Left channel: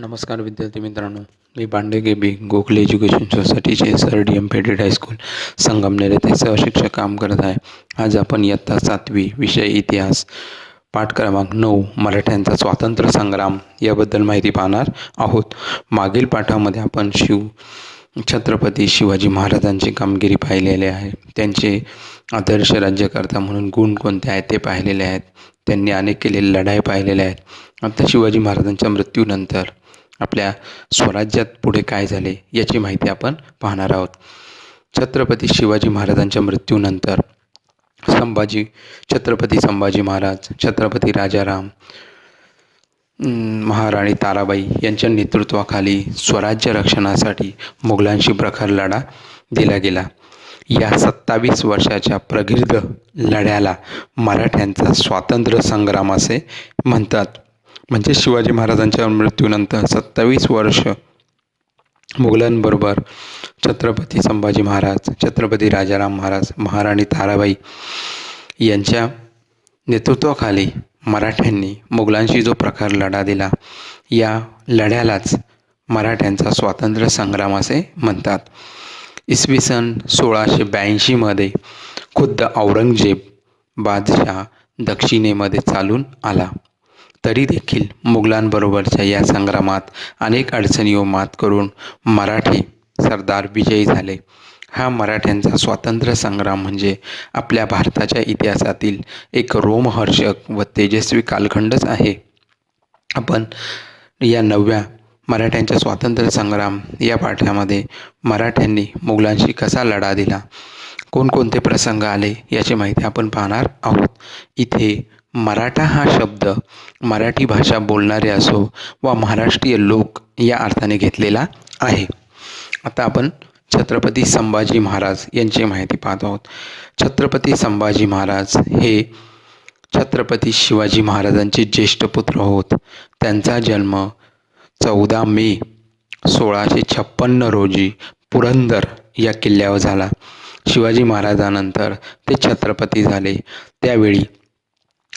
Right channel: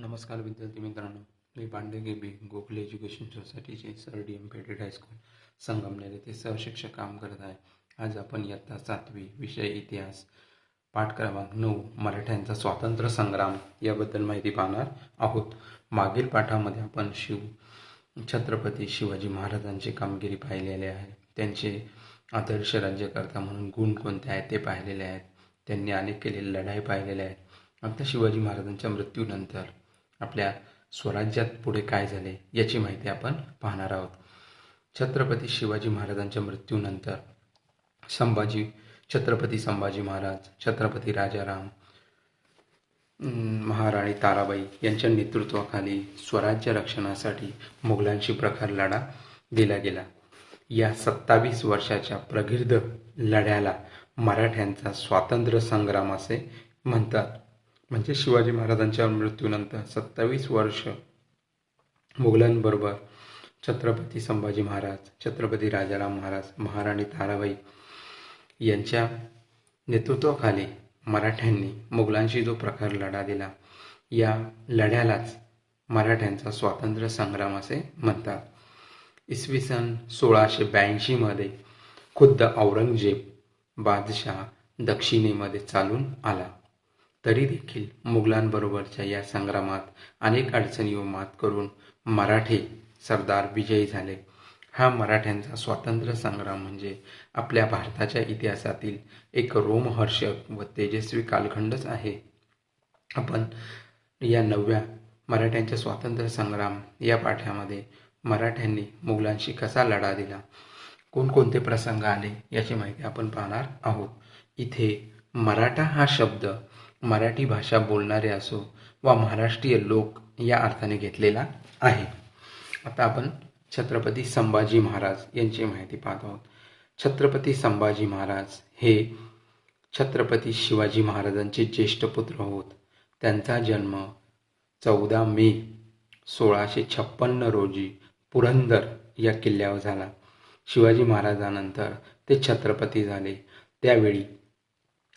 नमस्कार विद्यार्थी मित्रांनो, मी पांडे के गोखले एज्युकेशन सोसायटीचे SRDM पेडेड हायस्कूल संगमनेर येथे सहशिक्षक काम करत आहे. आज आपण इयत्ता 7वी विषय इतिहास पाठ क्रमांक 9 मराठ्यांचा स्वातंत्र्य संग्राम याबद्दल माहिती पाहणार आहोत. मागील पाठामध्ये आपण छत्रपती शिवाजी महाराजांची कामगिरी पाहिलेली आहे. त्यांचे आदर्श राज्यकर्ता म्हणून गुण कोणते आहेत ते पाहिलेले आहेत. त्यांनी अनेक केलेले लढाई पाहिलेल्या आहेत. आता शिवाजी महाराजांच्या मृत्यूनंतर आपल्या स्वराज्यात पुढे काय झाले याची माहिती आपण पाहणार आहोत. छत्रपती शिवाजी महाराजांच्या मृत्यूनंतर छत्रपती संभाजी महाराज, छत्रपती राजाराम, महाराणी ताराबाई यांच्या नेतृत्वाखाली स्वराज्य रक्षणासाठी मुघलांशी प्रखर लढा दिला गेला. या 27 वर्षाच्या प्रदीर्घ लढ्याला मराठ्यांचा स्वातंत्र्य संग्राम असे म्हणतात. म्हणजे शिवाजी महाराजांच्या मृत्यूनंतर 27 वर्ष मुघलांबरोबर छत्रपती संभाजी महाराज, छत्रपती राजाराम महाराज, महाराणी ताराबाई यांच्या नेतृत्वाखाली मराठ्यांनी मुघलांशी जो प्रखर लढा दिला, या लढ्यालाच मराठ्यांचा स्वातंत्र्य संग्राम असे म्हणतात. इसवी सन 1682 खुद्द औरंगजेब बादशाह दक्षिणेमध्ये चालून आला. तरी देखील मुघलांबरोबरच्या या संग्रामात अनेक अडचणीवर मात करून मराठी सरदार विजयी झाले. हा मराठ्यांचा स्वातंत्र्य संग्राम म्हणजे आपल्या भारताच्या इतिहासातील एक रोमहर्षक व तेजस्वी कालखंडच आहे. आपण या 9व्या मराठ्यांच्या स्वातंत्र्य संग्राम या पाठामध्ये मराठ्यांनी मुघलांशी कसा लढा दिला, कोणकोणते प्रसंग आले याची माहिती आपण पाहणार आहोत. इथे मराठा हा शब्द मराठी भाषा बोलणारे असो व महाराष्ट्रीय लोक या अर्थाने घेतलेला आहे. आता आपण छत्रपती संभाजी महाराज यांची माहिती पाहत आहोत. छत्रपती संभाजी महाराज हे छत्रपती शिवाजी महाराजांचे ज्येष्ठ पुत्र होत. त्यांचा जन्म 14 मे 1656 रोजी पुरंदर या किल्ल्यावर झाला. शिवाजी महाराजांनंतर ते छत्रपती झाले. त्यावेळी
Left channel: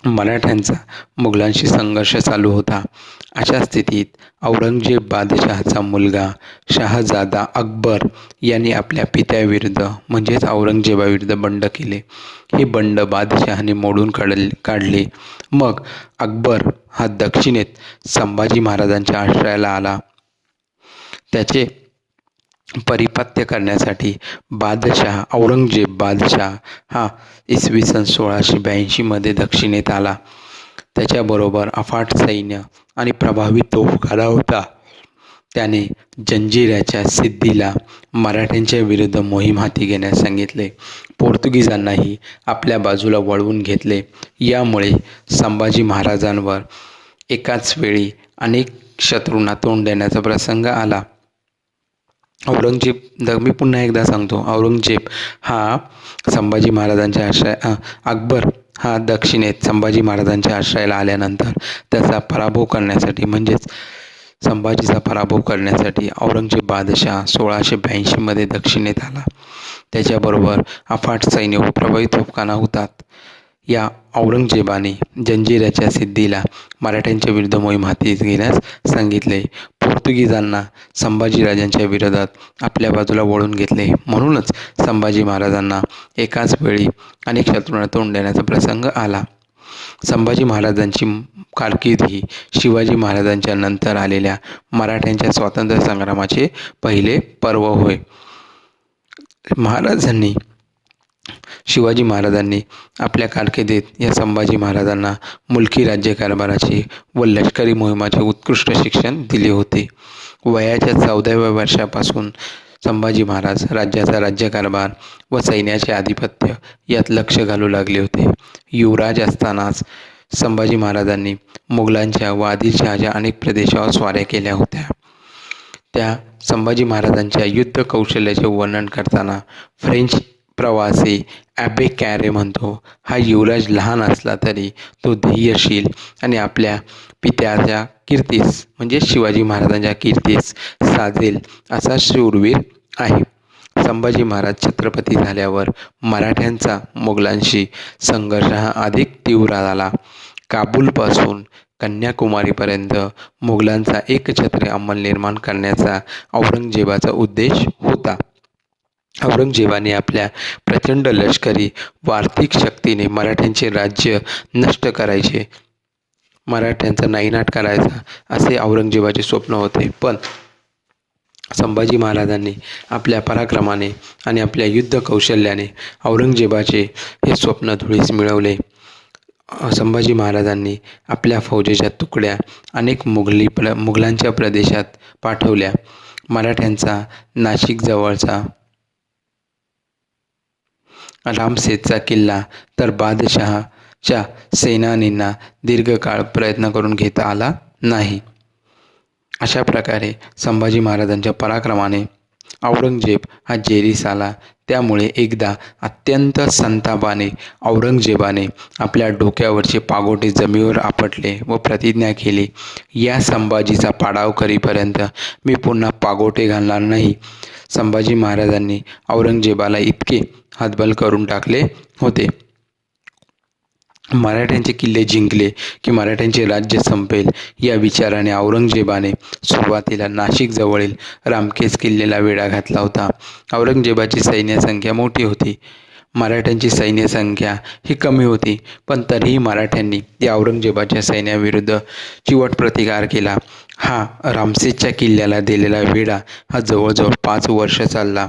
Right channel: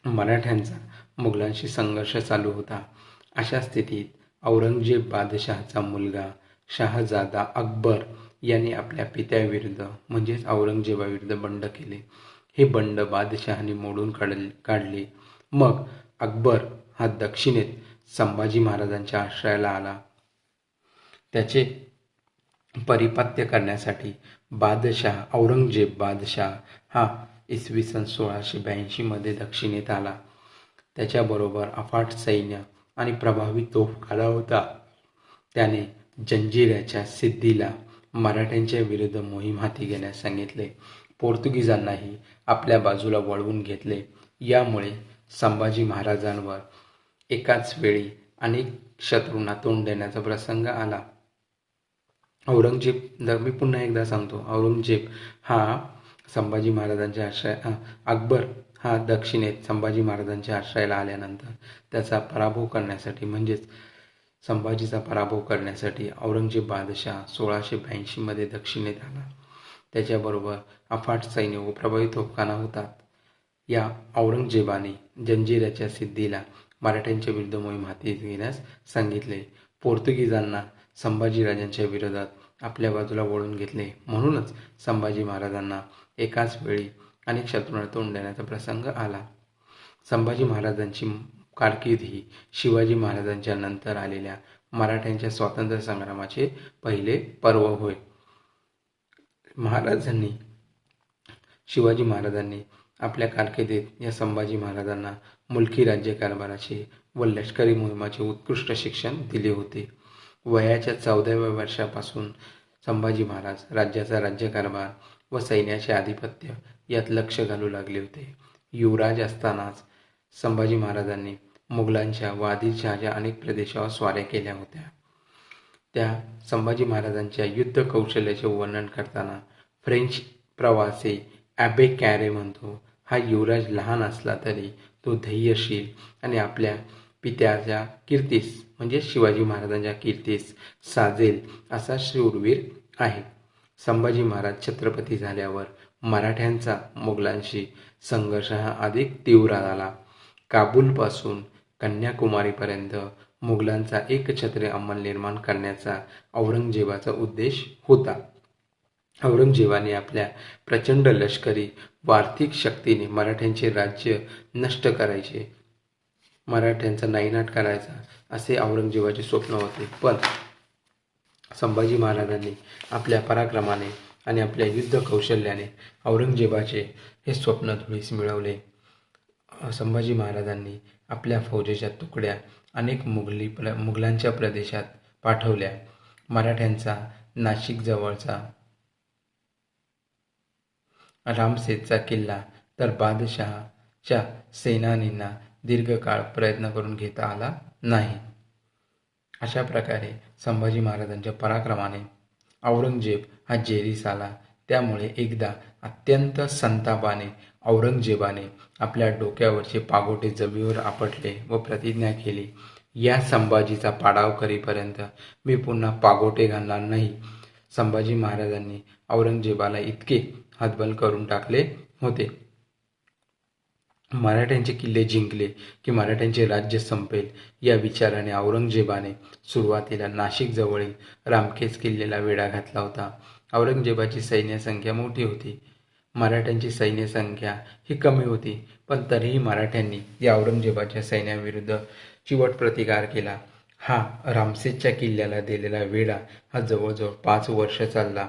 मराठ्यांचा मुघलांशी संघर्ष चालू होता. अशा स्थितीत औरंगजेब बादशहाचा मुलगा शहाजादा अकबर यांनी आपल्या पित्याविरुद्ध म्हणजेच औरंगजेबाविरुद्ध बंड केले. हे बंड बादशहाने मोडून काढले. मग अकबर हा दक्षिणेत संभाजी महाराजांच्या आश्रयाला आला. त्याचे परिपात्य करण्यासाठी औरंगजेब बादशाह हा इसवी सन 1682 दक्षिणेत आला. त्याच्याबरोबर अफाट सैन्य आणि प्रभावी तोफखाना होता. त्याने जंजिऱ्याच्या सिद्धीला मराठ्यांच्या विरुद्ध मोहीम हाती घेण्यास सांगितले. पोर्तुगीजांनाही आपल्या बाजूला वळवून घेतले. यामुळे संभाजी महाराजांवर एकाच वेळी अनेक शत्रूंना तोंड देण्याचा प्रसंग आला. मी पुन्हा एकदा सांगतो, औरंगजेब हा संभाजी महाराजांच्या अकबर हा दक्षिणेत संभाजी महाराजांच्या आश्रयाला आल्यानंतर त्याचा पराभव करण्यासाठी म्हणजेच संभाजीचा पराभव करण्यासाठी औरंगजेब बादशाह 1682 दक्षिणेत आला. त्याच्याबरोबर अफाट सैन्य व प्रभावी तोफखाना होतात. या औरंगजेबाने जंजिऱ्याच्या सिद्धीला मराठ्यांच्या विरुद्ध मोहीम हाती घेण्यास सांगितले. पोर्तुगीजांना संभाजीराजांच्या विरोधात आपल्या बाजूला वळून घेतले. म्हणूनच संभाजी महाराजांना एकाच वेळी अनेक शत्रूंना तोंड देण्याचा प्रसंग आला. संभाजी महाराजांची कारकीर्द ही शिवाजी महाराजांच्या नंतर आलेल्या मराठ्यांच्या स्वातंत्र्य संग्रामाचे पहिले पर्व होय. शिवाजी महाराजांनी आपल्या कारकिर्दीत या संभाजी महाराजांना मुलकी राज्यकारभाराचे व लष्करी मोहिमाचे उत्कृष्ट शिक्षण दिले होते. वयाच्या 14व्या वर्षापासून संभाजी महाराज राज्याचा राज्यकारभार व सैन्याचे आधिपत्य यात लक्ष घालू लागले होते. युवराज असतानाच संभाजी महाराजांनी मुघलांच्या व आदिलशहाच्या अनेक प्रदेशावर स्वाऱ्या केल्या होत्या. त्या संभाजी महाराजांच्या युद्ध कौशल्याचे वर्णन करताना फ्रेंच प्रवासी ॲबे कॅरे म्हणतो, हा युवराज लहान असला तरी तो धैर्यशील आणि आपल्या पित्याच्या कीर्तीस म्हणजे शिवाजी महाराजांच्या कीर्तीस साजेल असा शूरवीर आहे. संभाजी महाराज छत्रपती झाल्यावर मराठ्यांचा मुघलांशी संघर्ष हा अधिक तीव्र झाला. काबूलपासून कन्याकुमारीपर्यंत मुघलांचा एकछत्री अंमल निर्माण करण्याचा औरंगजेबाचा उद्देश होता. औरंगजेबाने आपल्या प्रचंड लष्करी व आर्थिक शक्तीने मराठ्यांचे राज्य नष्ट करायचे, मराठ्यांचा नायनाट करायचा असे औरंगजेबाचे स्वप्न होते. पण संभाजी महाराजांनी आपल्या पराक्रमाने आणि आपल्या युद्ध कौशल्याने औरंगजेबाचे हे स्वप्न धुळीस मिळवले. संभाजी महाराजांनी आपल्या फौजेच्या तुकड्या अनेक मुघलांच्या प्रदेशात पाठवल्या. मराठ्यांचा नाशिकजवळचा रामसेतचा किल्ला तर बादशहाच्या सेनानींना दीर्घकाळ प्रयत्न करून घेता आला नाही. अशा प्रकारे संभाजी महाराजांच्या पराक्रमाने औरंगजेब हा जेरीस आला. त्यामुळे एकदा अत्यंत संतापाने औरंगजेबाने आपल्या डोक्यावरचे पागोटे जमिनीवर आपटले व प्रतिज्ञा केली, या संभाजीचा पाडाव करीपर्यंत मी पुन्हा पागोटे घालणार नाही. संभाजी महाराजांनी औरंगजेबाला इतके हतबल करून टाकले होते. मराठ्यांचे किल्ले जिंकले की मराठ्यांचे राज्य संपेल या विचाराने औरंगजेबाने सुरुवातीला नाशिकजवळील रामकेस किल्ल्याला वेढा घातला होता. औरंगजेबाची सैन्य संख्या मोठी होती, मराठ्यांची सैन्य संख्या ही कमी होती, पण तरीही मराठ्यांनी या औरंगजेबाच्या सैन्याविरुद्ध चिवट प्रतिकार केला. हा रामसेसच्या किल्ल्याला दिलेला वेढा हा जवळजवळ 5 वर्ष चालला.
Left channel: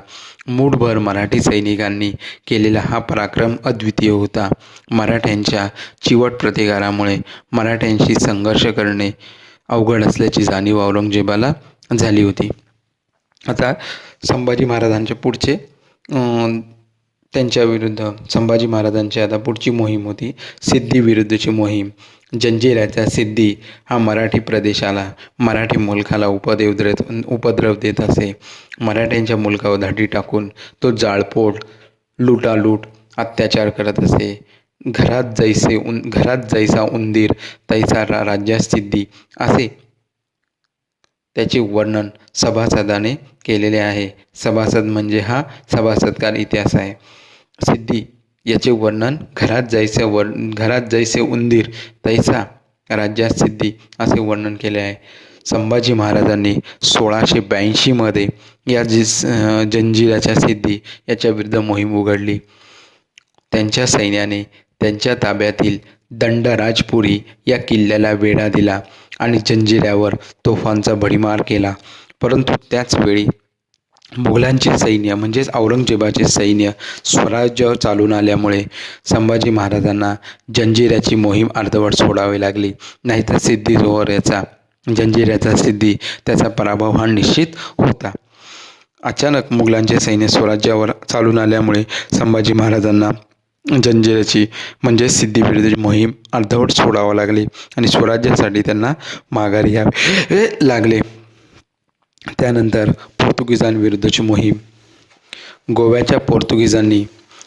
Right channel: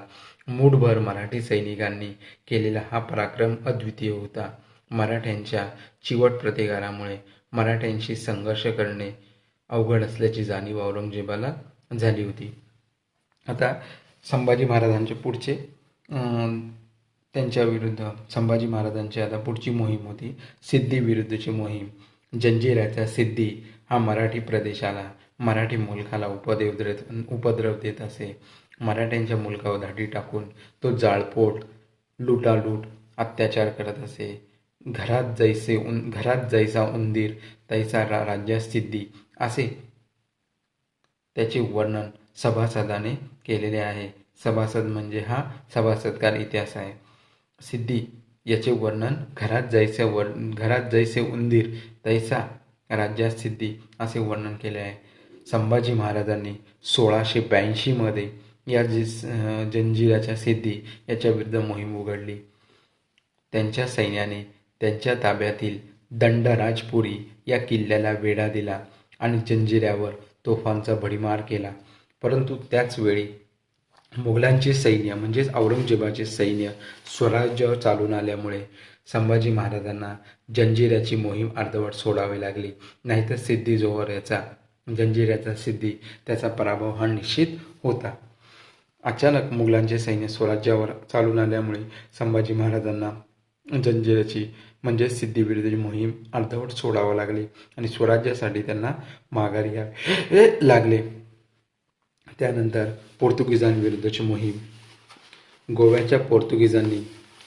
मूठभर मराठी सैनिकांनी केलेला हा पराक्रम अद्वितीय होता. मराठ्यांच्या चिवट प्रतिकारामुळे मराठ्यांशी संघर्ष करणे अवघड असल्याची जाणीव औरंगजेबाला झाली होती. आता संभाजी महाराजांचे पुढचे त्यांच्याविरुद्ध संभाजी महाराजांची आता पुढची मोहीम होती सिद्धी विरुद्धची मोहीम. जंजिऱ्याचा सिद्धी हा मराठी प्रदेशाला, मराठी मुलखाला उपद्रव देत असे. मराठ्यांच्या मुलखावर धाडी टाकून तो जाळपोळ, लुटालूट, अत्याचार करत असे. घरात जैसा उंदीर तैसा राज्यात सिद्धी असे त्याचे वर्णन सभासदाने केलेले आहे. सभासद म्हणजे हा सभासदकार इतिहास आहे. सिद्धी याचे वर्णन घरात जैसे उंदीर तैसा राज्यात सिद्धी असे वर्णन केले आहे. संभाजी महाराजांनी 1682 या जंजिऱ्याच्या सिद्धी याच्या विरुद्ध मोहीम उघडली. त्यांच्या सैन्याने त्यांच्या ताब्यातील दंडराजपुरी या किल्ल्याला वेढा दिला आणि जंजिऱ्यावर तोफांचा भडीमार केला. परंतु त्याच वेळी मुघलांचे सैन्य म्हणजेच औरंगजेबाचे सैन्य स्वराज्यावर चालून आल्यामुळे संभाजी महाराजांना जंजिऱ्याची मोहीम अर्धवट सोडावी लागली. नाहीतर जंजिऱ्याचा सिद्धी त्याचा पराभव हा निश्चित होता. अचानक मुघलांचे सैन्य स्वराज्यावर चालून आल्यामुळे संभाजी महाराजांना जंजिऱ्याची म्हणजे सिद्धीविरुद्धची मोहीम अर्धवट सोडावी लागली आणि स्वराज्यासाठी त्यांना माघारी यावे लागले. त्यानंतर पोर्तुगीजांविरुद्धची मोहीम. गोव्याच्या पोर्तुगीजांनी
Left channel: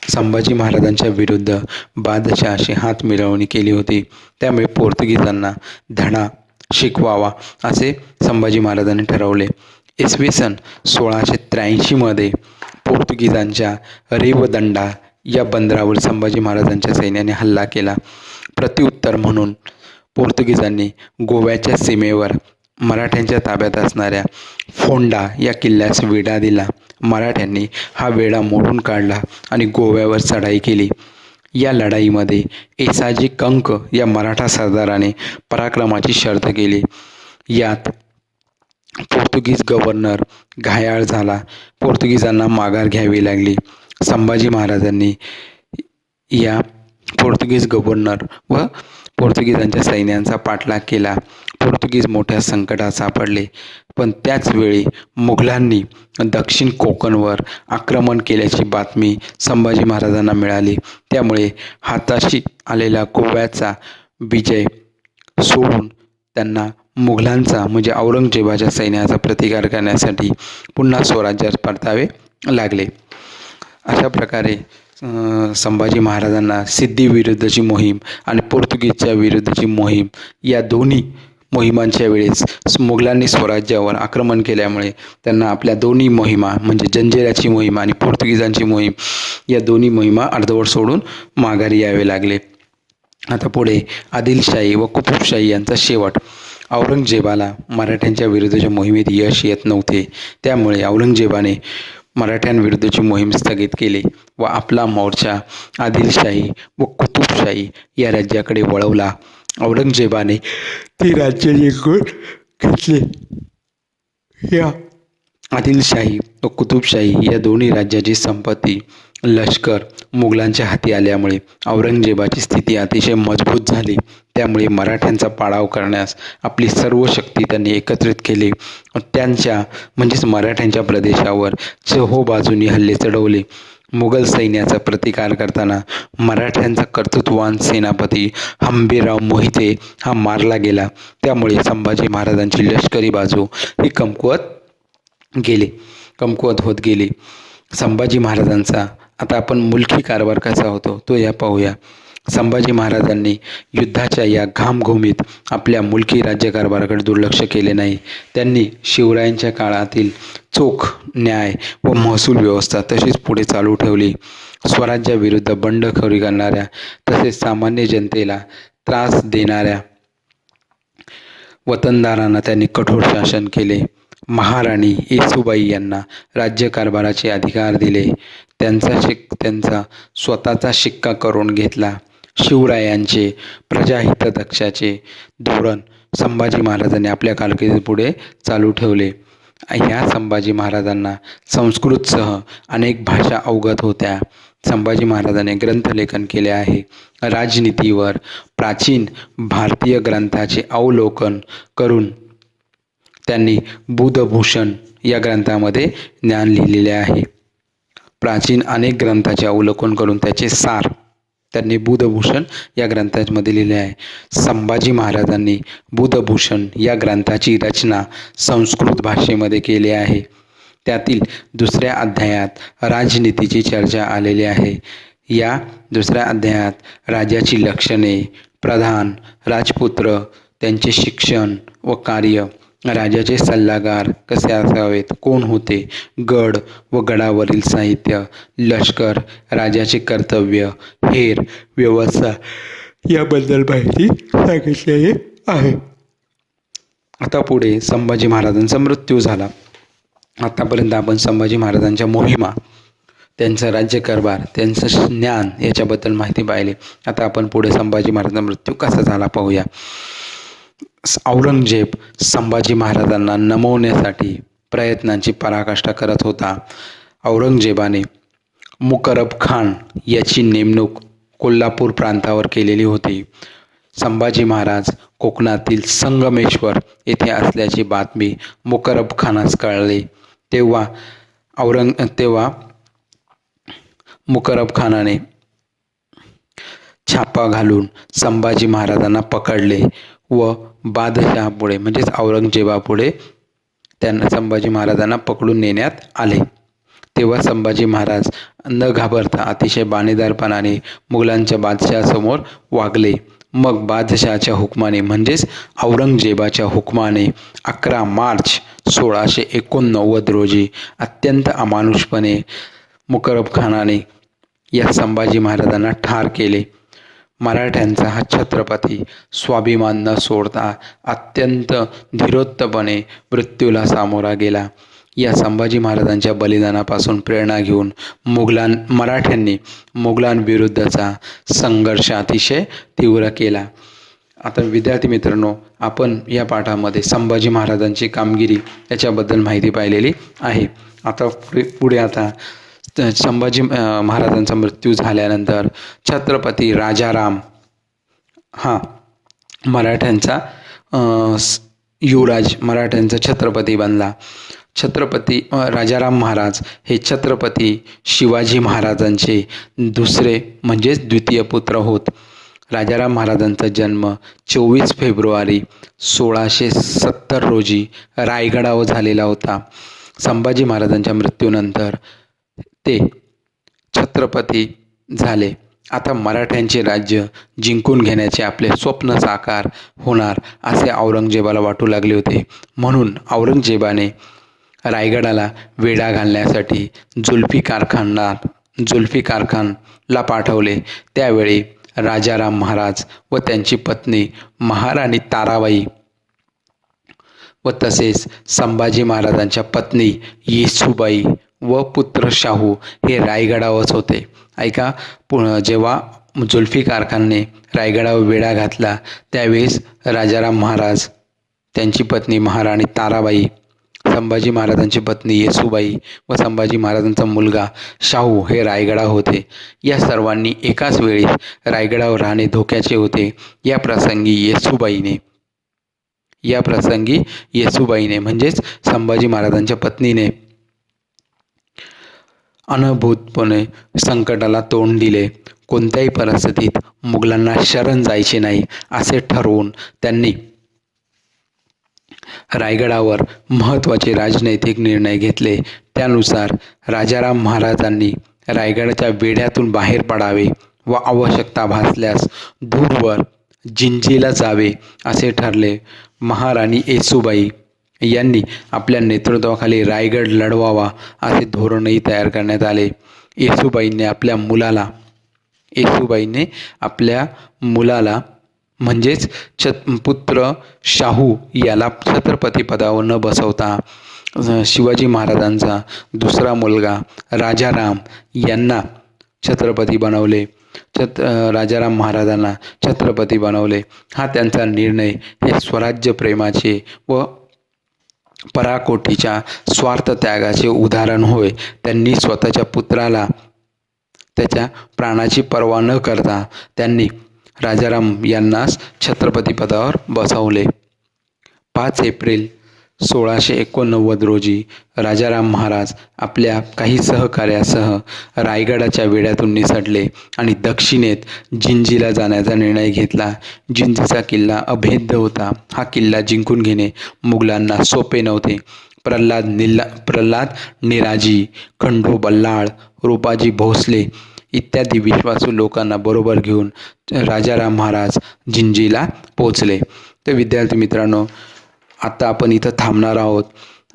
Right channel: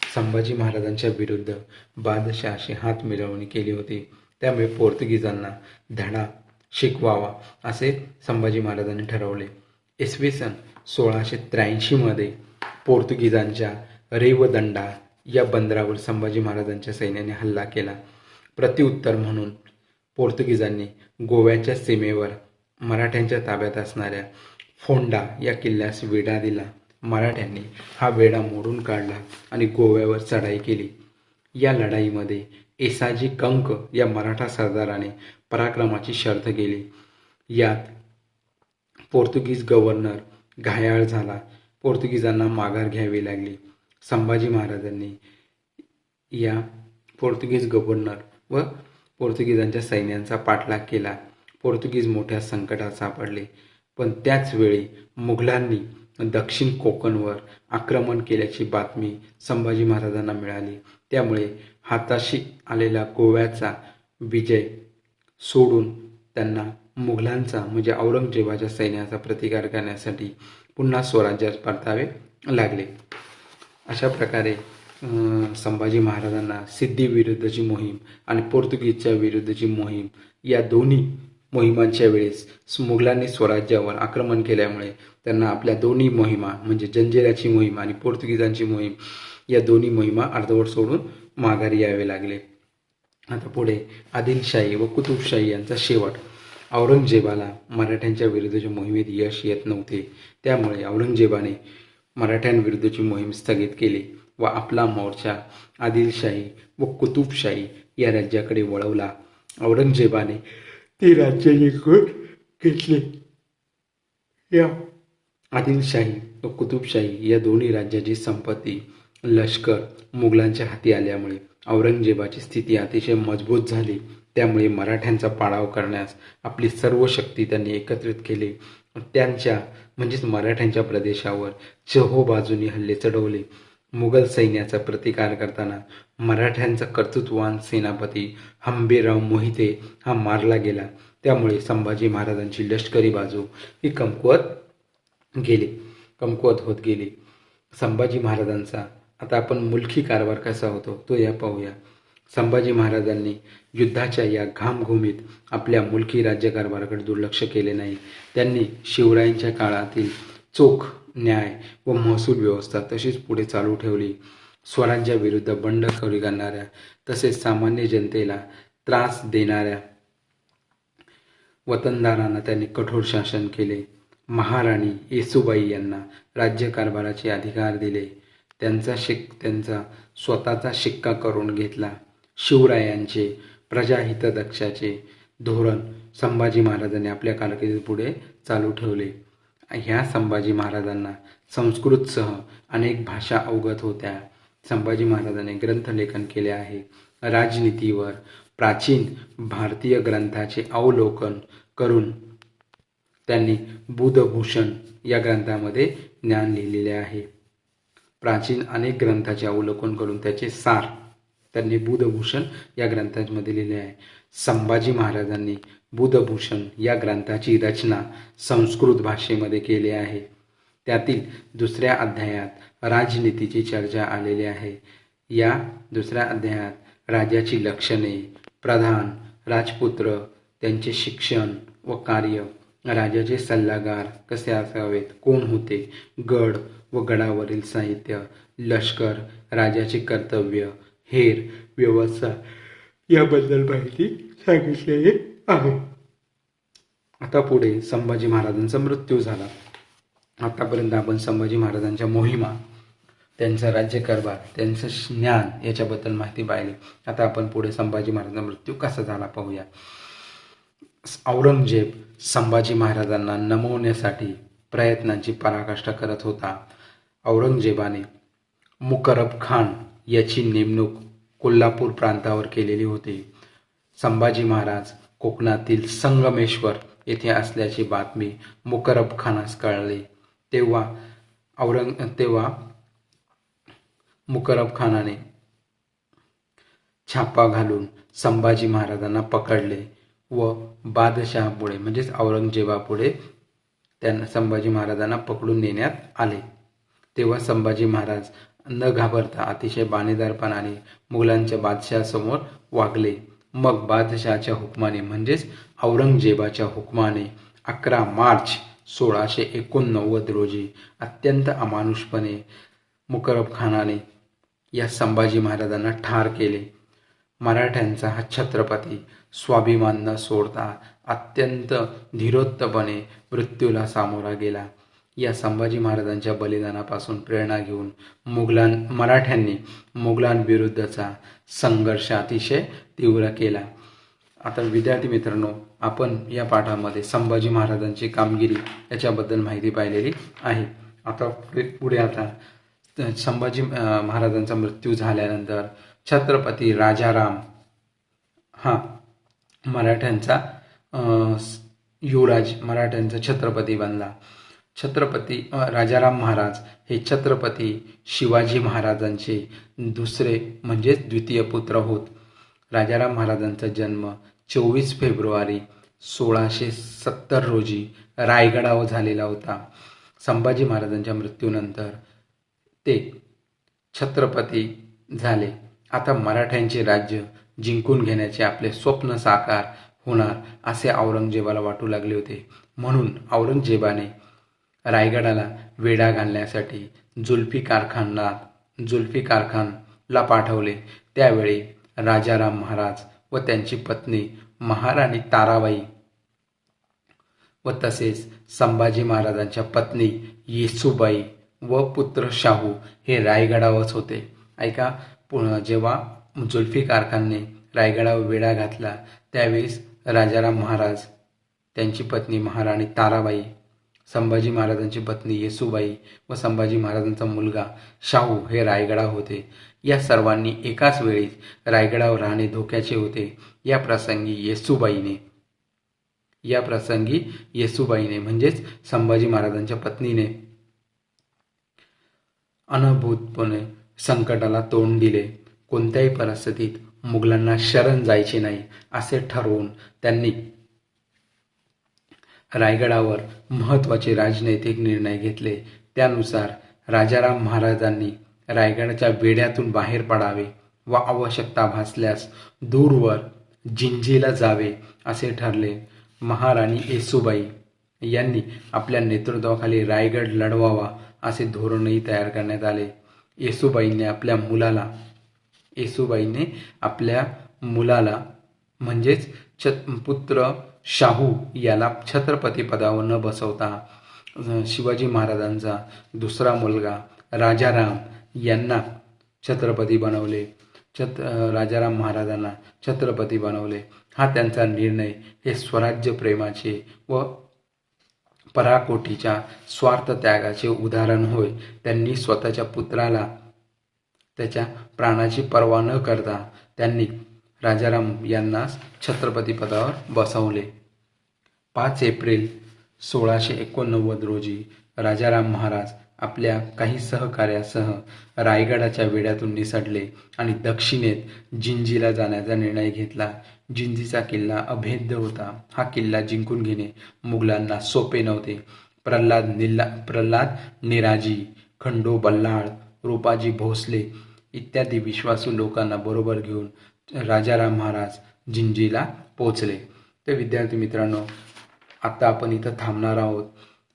संभाजी महाराजांच्या विरुद्ध बादशहाशी हात मिळवणी केली होती. त्यामुळे पोर्तुगीजांना धडा शिकवावा असे संभाजी महाराजांनी ठरवले. इसवी सन 1683 पोर्तुगीजांच्या रेवदंडा या बंदरावर संभाजी महाराजांच्या सैन्याने हल्ला केला. प्रत्युत्तर म्हणून पोर्तुगीजांनी गोव्याच्या सीमेवर मराठ्यांच्या ताब्यात असणाऱ्या फोंडा या किल्ल्यास वेढा दिला. मराठ्यांनी हा वेढा मोडून काढला आणि गोव्यावर चढाई केली. या लढाईमध्ये येसाजी कंक या मराठा सरदाराने पराक्रमाची शर्थ केली. यात पोर्तुगीज गव्हर्नर घायाळ झाला. पोर्तुगीजांना माघार घ्यावी लागली. संभाजी महाराजांनी या पोर्तुगीज गव्हर्नर व पोर्तुगीजांच्या सैन्यांचा पाठलाग केला. पोर्तुगीज मोठ्या संकटात सापडले. पण त्याच वेळी मुघलांनी दक्षिण कोकणवर आक्रमण केल्याची बातमी संभाजी महाराजांना मिळाली. त्यामुळे हाताशी आलेला गोव्याचा विजय सोडून त्यांना मुघलांचा म्हणजे औरंगजेबाच्या सैन्याचा प्रतिकार करण्यासाठी पुन्हा स्वराज्यात परतावे लागले. अशा प्रकारे संभाजी महाराजांना सिद्धीविरुद्धची मोहीम आणि पोर्तुगीजच्या विरुद्धची मोहीम या दोन्ही मोहिमांच्या वेळेस मुघलांनी स्वराज्यावर आक्रमण केल्यामुळे त्यांना आपल्या दोन्ही मोहिमा म्हणजे जंजिऱ्याची मोहीम आणि पोर्तुगीजांची मोहीम या दोन्ही मोहिमा अर्धवट सोडून माघारी यावे लागले. आता पुढे आदिलशाही व कुतुबशाही यांचा शेवट. औरंगजेबाला मराठ्यांच्या विरुद्धच्या मोहिमेत यश येत नव्हते. त्यामुळे औरंगजेबाने मराठ्यांविरुद्धची मोहीम स्थगित केली व आपला मोर्चा आदिलशाही व कुतुबशाही या राज्याकडे वळवला. औरंगजेबाने ती राज्य जिंकून घेतली. या आदिलशाही व कुतुबशाही या दोन्ही राज्याची संपत्ती, लष्कर मुघलांच्या हाती आल्यामुळे औरंगजेबाची स्थिती अतिशय मजबूत झाली. त्यामुळे मराठ्यांचा पाडाव करण्यास आपली सर्व शक्ती त्यांनी एकत्रित केली. त्यांच्या म्हणजेच मराठ्यांच्या प्रदेशावर चोहोबाजूंनी हल्ले चढवले. मुघल सैन्याचा प्रतिकार करताना मराठ्यांचा कर्तृत्ववान सेनापती हंबीरराव मोहिते हा मारला गेला. त्यामुळे संभाजी महाराजांची लष्करी बाजू ही कमकुवत होत गेली. संभाजी महाराजांचा आता आपण मुलकी कारभार कसा होतो तो या पाहूया. संभाजी महाराजांनी युद्धाच्या या घामघुमीत आपल्या मुलकी राज्यकारभाराकडे दुर्लक्ष केले नाही. त्यांनी शिवरायांच्या काळातील चोख न्याय व महसूल व्यवस्था तशीच पुढे चालू ठेवली. स्वराज्याविरुद्ध बंडखोरी करणाऱ्या तसेच सामान्य जनतेला त्रास देणाऱ्या वतनदारांना त्यांनी कठोर शासन केले. महाराणी येसूबाई यांना राज्यकारभाराचे अधिकार दिले. त्यांचा स्वतःचा शिक्का करून घेतला. शिवरायांचे प्रजाहितदक्षाचे धोरण संभाजी महाराजांनी आपल्या कारकिर्दीत पुढे चालू ठेवले. ह्या संभाजी महाराजांना संस्कृतसह अनेक भाषा अवगत होत्या. संभाजी महाराजांनी ग्रंथलेखन केले आहे. राजनीतीवर प्राचीन भारतीय ग्रंथाचे अवलोकन करून त्यांनी बुधभूषण या ग्रंथामध्ये ज्ञान लिहिलेले आहे. प्राचीन अनेक ग्रंथाचे अवलोकन करून त्याचे सार त्यांनी बुधभूषण या ग्रंथामध्ये लिहिले आहे. संभाजी महाराजांनी बुधभूषण या ग्रंथाची रचना संस्कृत भाषेमध्ये केली आहे. त्यातील 2ऱ्या अध्यायात राजनीतीची चर्चा आलेली आहे. या 2ऱ्या अध्यायात राजाची लक्षणे, प्रधान, राजपुत्र, त्यांचे शिक्षण व कार्य, राजाचे सल्लागार कसे असावेत, कोण होते, गड व गडावरील साहित्य, लष्कर, राजाचे कर्तव्य, हेर व्यवस्था याबद्दल माहिती सांगितलेली आहे. आता पुढे संभाजी महाराजांचा मृत्यू झाला. आतापर्यंत आपण संभाजी महाराजांच्या मोहिमा, त्यांचा राज्यकारभार, त्यांचं ज्ञान याच्याबद्दल माहिती पाहिली. आता आपण पुढे संभाजी महाराजांचा मृत्यू कसा झाला पाहूया. औरंगजेब संभाजी महाराजांना नमवण्यासाठी प्रयत्नांची पराकाष्ठा करत होता. औरंगजेबाने मुकरब खान याची नेमणूक कोल्हापूर प्रांतावर केलेली होती. संभाजी महाराज कोकणातील संगमेश्वर येथे असल्याची बातमी मुकरब खानास कळली. तेव्हा मुकरब खानाने छापा घालून संभाजी महाराजांना पकडले व बादशहापुढे म्हणजेच औरंगजेबापुढे त्यांना संभाजी महाराजांना पकडून नेण्यात आले. तेव्हा संभाजी महाराज न घाबरता अतिशय बाणेदारपणाने मुघलांच्या बादशहासमोर वागले. मग बादशहाच्या हुकमाने म्हणजेच औरंगजेबाच्या हुकमाने 11 मार्च 1689 रोजी अत्यंत अमानुषपणे मुकरब खानाने या संभाजी महाराजांना ठार केले. मराठ्यांचा हा छत्रपती स्वाभिमान न सोडता अत्यंत धीरोत्तपणे मृत्यूला सामोरा गेला. या संभाजी महाराजांच्या बलिदानापासून प्रेरणा घेऊन मराठ्यांनी मुघलांविरुद्धचा संघर्ष अतिशय तीव्र केला. आता विद्यार्थी मित्रांनो, आपण या पाठामध्ये संभाजी महाराजांची कामगिरी याच्याबद्दल माहिती पाहिलेली आहे. आता पुढे संभाजी महाराजांचा मृत्यू झाल्यानंतर छत्रपती राजाराम हा मराठ्यांचा युवराज, मराठ्यांचा छत्रपती बनला. छत्रपती राजाराम महाराज हे छत्रपती शिवाजी महाराजांचे दुसरे म्हणजेच द्वितीय पुत्र होत. राजाराम महाराजांचा जन्म 24 फेब्रुवारी 1670 रोजी रायगडावर झालेला होता. संभाजी महाराजांच्या मृत्यूनंतर ते छत्रपती झाले. आता मराठ्यांचे राज्य जिंकून घेण्याचे आपले स्वप्न साकार होणार असे औरंगजेबाला वाटू लागले होते. म्हणून औरंगजेबाने रायगडाला वेढा घालण्यासाठी जुल्फिकार खानला पाठवले. त्यावेळी राजाराम महाराज व त्यांची पत्नी महाराणी ताराबाई व तसेच संभाजी महाराजांच्या पत्नी येसूबाई व पुत्र शाहू हे रायगडावरच होते. ऐका, जेव्हा जुल्फिकार खानने रायगडावर वेढा घातला त्यावेळेस राजाराम महाराज, त्यांची पत्नी महाराणी ताराबाई, संभाजी महाराजांची पत्नी येसूबाई व संभाजी महाराजांचा मुलगा शाहू हे रायगडावर होते. या सर्वांनी एकाच वेळी रायगडावर राहणे धोक्याचे होते. या प्रसंगी येसूबाईने म्हणजेच संभाजी महाराजांच्या पत्नीने अनुभूतपणे संकटाला तोंड दिले. कोणत्याही परिस्थितीत मुघलांना शरण जायचे नाही असे ठरवून त्यांनी रायगडावर महत्त्वाचे राजनैतिक निर्णय घेतले. त्यानुसार राजाराम महाराजांनी रायगडाच्या वेढ्यातून बाहेर पडावे व आवश्यकता भासल्यास दूरवर जिंजीला जावे असे ठरले. महाराणी येसूबाई यांनी आपल्या नेतृत्वाखाली रायगड लढवावा असे धोरणही तयार करण्यात आले. येसूबाईंनी आपल्या मुलाला म्हणजेच पुत्र शाहू याला छत्रपती पदावर न बसवता शिवाजी महाराजांचा दुसरा मुलगा राजाराम यांना छत्रपती बनवले. राजाराम महाराजांना छत्रपती बनवले. हा त्यांचा निर्णय हे स्वराज्य प्रेमाचे व पराकोटीच्या स्वार्थ त्यागाचे उदाहरण होय. त्यांनी स्वतःच्या पुत्राला त्याच्या प्राणाची पर्वा न करता त्यांनी राजाराम यांनाच छत्रपती पदावर बसवले. 5 एप्रिल 1689 रोजी राजाराम महाराज आपल्या काही सहकार्यासह रायगडाच्या वेढ्यातून निसटले आणि दक्षिणेत जिंजीला जाण्याचा निर्णय घेतला. जिंजीचा किल्ला अभेद्य होता. हा किल्ला जिंकून घेणे मुघलांना सोपे नव्हते. प्रल्हाद निराजी, खंडू बल्लाळ, रूपाजी भोसले इत्यादी विश्वासू लोकांना बरोबर घेऊन राजाराम महाराज जिंजीला पोचले. तर विद्यार्थी मित्रांनो, आता आपण इथं थांबणार आहोत.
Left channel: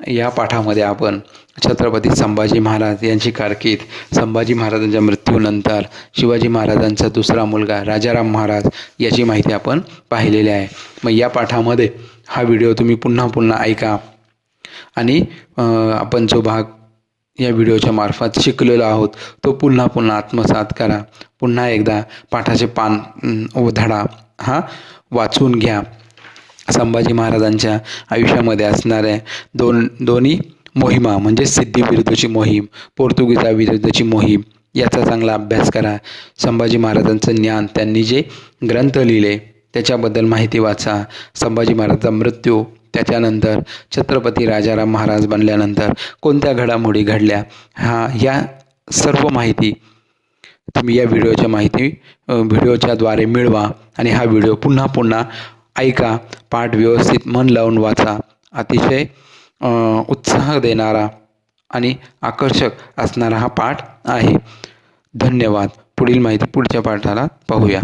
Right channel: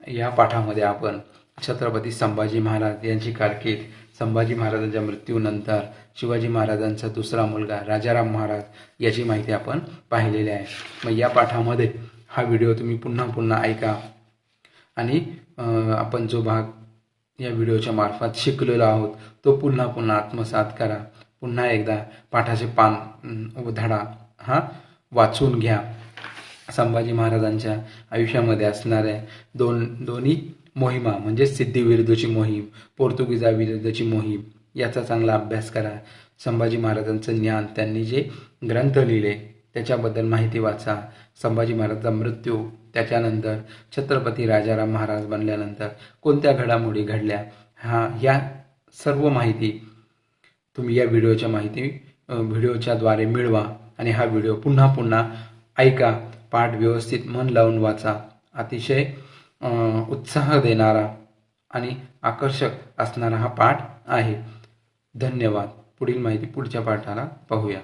या पाठामध्ये आपण छत्रपती संभाजी महाराज यांची कारकीर्द, संभाजी महाराजांच्या मृत्यूनंतर शिवाजी महाराजांचा दुसरा मुलगा राजाराम महाराज याची माहिती आपण पाहिलेली आहे. मग या पाठामध्ये हा व्हिडिओ तुम्ही पुन्हा ऐका आणि आपण जो भाग या व्हिडिओच्या मार्फत शिकलेलो आहोत तो पुन्हा आत्मसात करा. पुन्हा एकदा पाठाचे पान व धडा हा वाचून घ्या. संभाजी महाराजांच्या आयुष्यामध्ये असणाऱ्या दोन्ही मोहिमा म्हणजे सिद्धिविरुद्धची मोहीम, पोर्तुगीजाविरुद्धची मोहीम याचा चांगला अभ्यास करा. संभाजी महाराजांचं ज्ञान, त्यांनी जे ग्रंथ लिहिले त्याच्याबद्दल माहिती वाचा. संभाजी महाराजांचा मृत्यू, त्याच्यानंतर छत्रपती राजाराम महाराज बनल्यानंतर कोणत्या घडामोडी घडल्या, ह्या सर्व माहिती तुम्ही या व्हिडिओच्याद्वारे मिळवा आणि हा व्हिडिओ पुन्हा ऐका. पाठ व्यवस्थित मन लावून वाचा. अतिशय उत्साह देणारा आणि आकर्षक असणारा हा पाठ आहे. धन्यवाद. पुढील माहिती पुढच्या पाठाला पाहूया.